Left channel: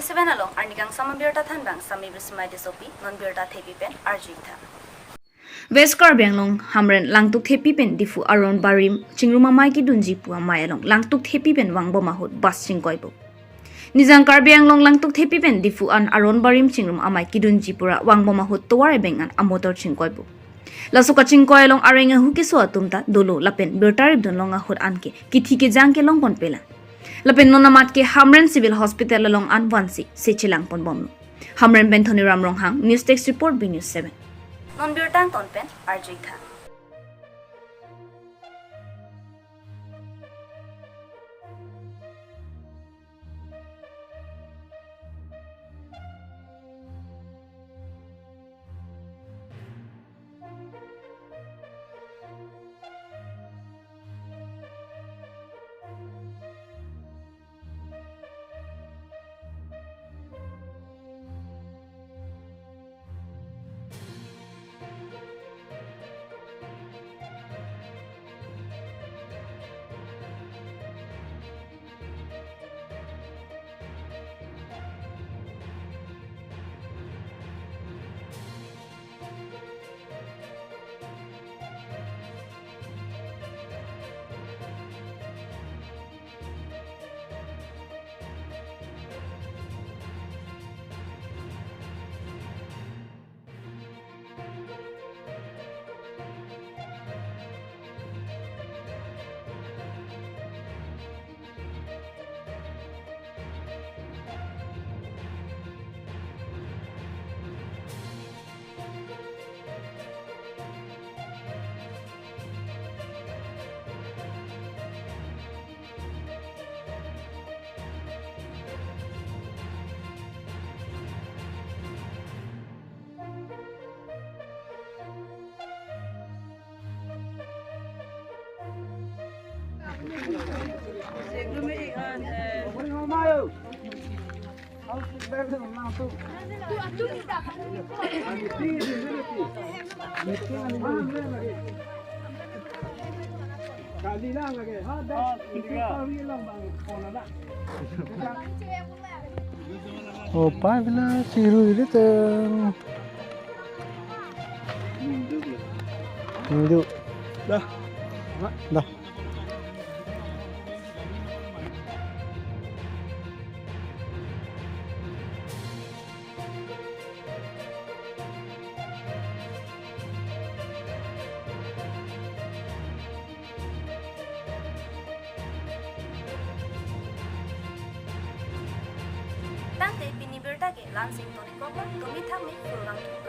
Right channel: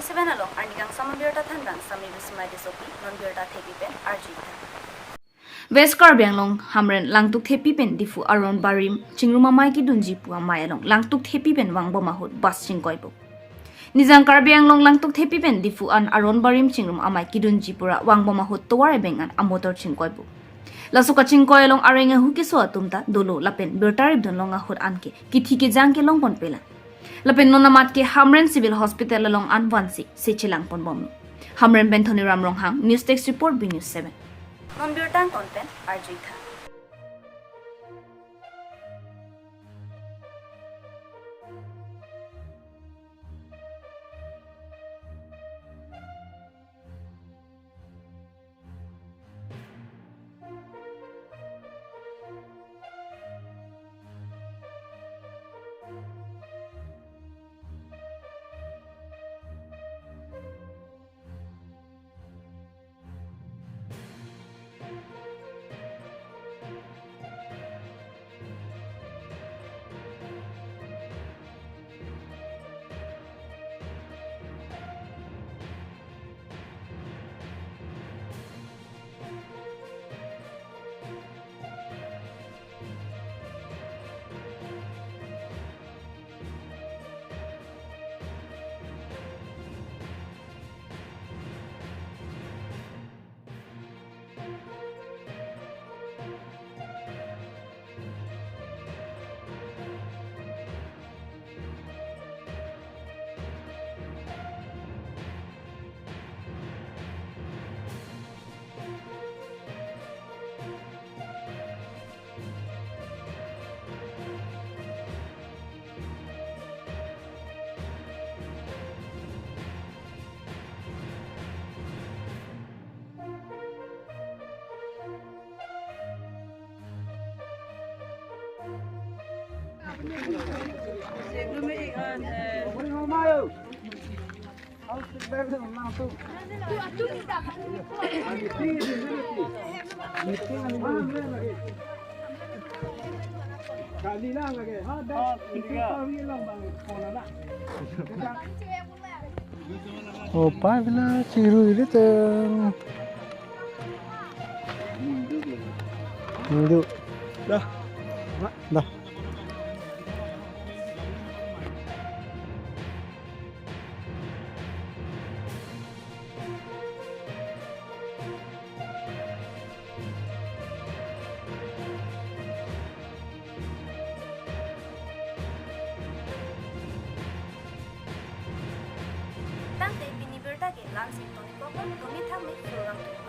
Bini seven along arnikang sama birta thanbang sami bismai disopi non birta thepi pen arjitha. West Karbi Anglong Hamren langtuk thepi pen Diphu aron barim chingruma mai ki dunji pu amai along langtuk thepi pen vangbom mahut bas chingkoibo. Nizang Karbi Anglong langtuk thepi pen Diphu an aron barim chingrum amai ki dunji pura vangbom mahut towar bengan amotor chingkoibo. Lasuka chingkoi along areng hu keso atumta dolo lapen birtarib don longa hut anke kithi ke jang ke long pon pela. Lapen nonamat ke Hamren Civil Hospital along an wansi se chilang pon bom. Hamren Benthoni Ramrong Hang News Text Report B News 7. Non birtang tonpen arjitha. Oh, pabila ciru itu tuh. Hindu. Dah. Dah. Tangte bini birta ke lansing toni kopa tomi thame kurang tu.